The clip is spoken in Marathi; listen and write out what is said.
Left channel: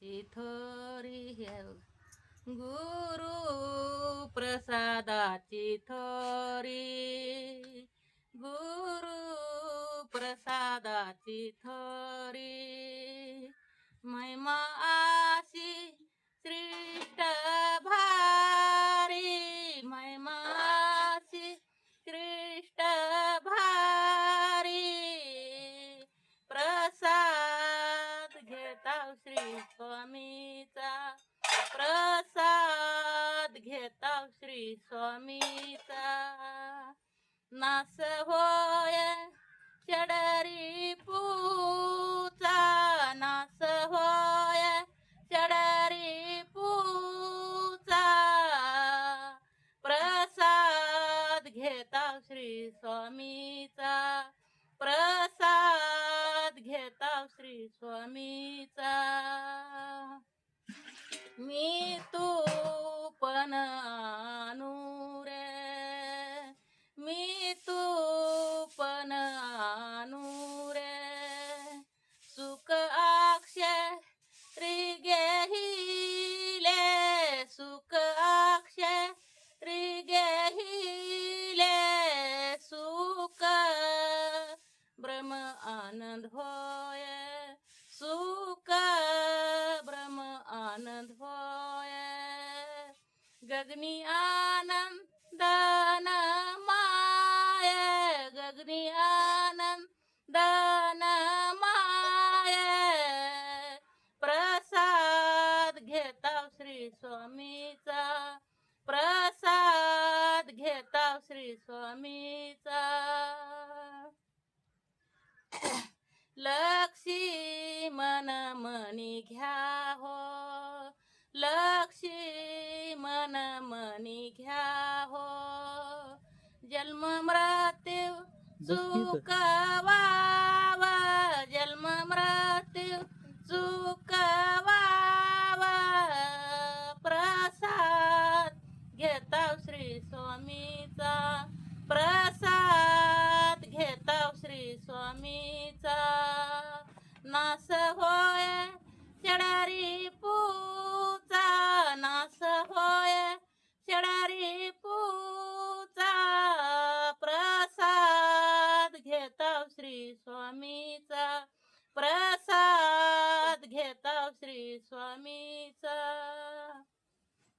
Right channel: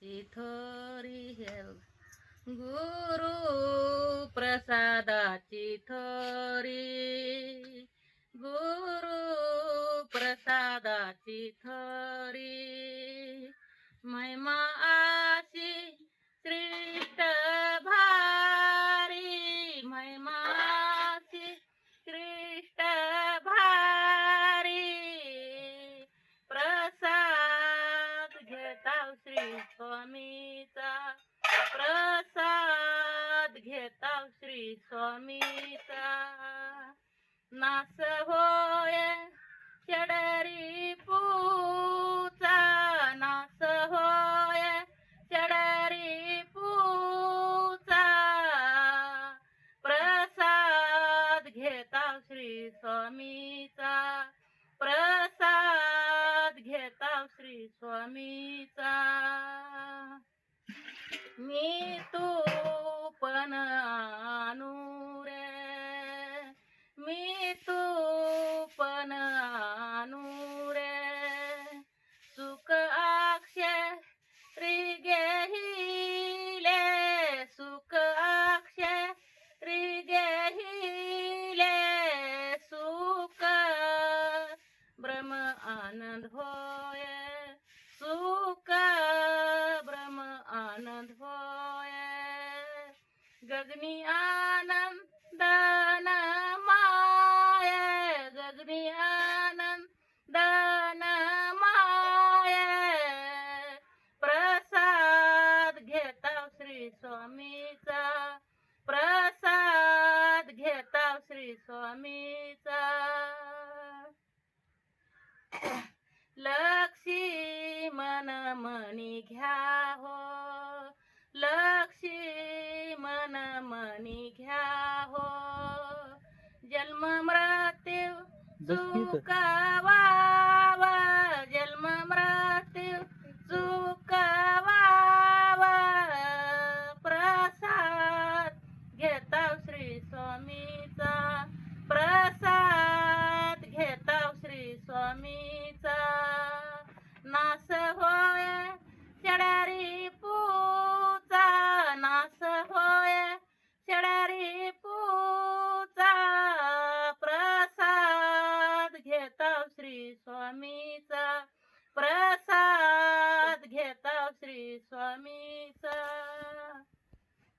प्रसादाची थोरी गुरु प्रसादाची थोरी गुरु प्रसादाची थोरी महिमा आशी श्रेष्ठ भारी महिमा आशी श्रेष्ठ भारी प्रसाद घेता श्री स्वामीचा प्रसाद घेता श्री स्वामीचा नास होय चढरी पूचा नास होय चढरी पूचा प्रसाद घेता श्री स्वामीचा प्रसाद घेता श्री स्वामीचा मी तू पण आणू रे मी तू पण आणू रे सुख अक्षरी घेहिले सुख अक्षरी घेहिले सुख ब्रह्म आनंद होय सुख ब्रह्म आनंद होय गगनी आनंद माय गगनी आनंद माय प्रसाद घेता श्री स्वामीचा प्रसाद घेता श्री स्वामीचा लक्षी मन मनी घ्या हो लक्षी मन मनी घ्या हो जन्म मृत्यू चुकवावा जन्म मृत्यू चुकवावा प्रसाद घेता श्री स्वामीचा प्रसाद घेता श्री स्वामीचा नास हो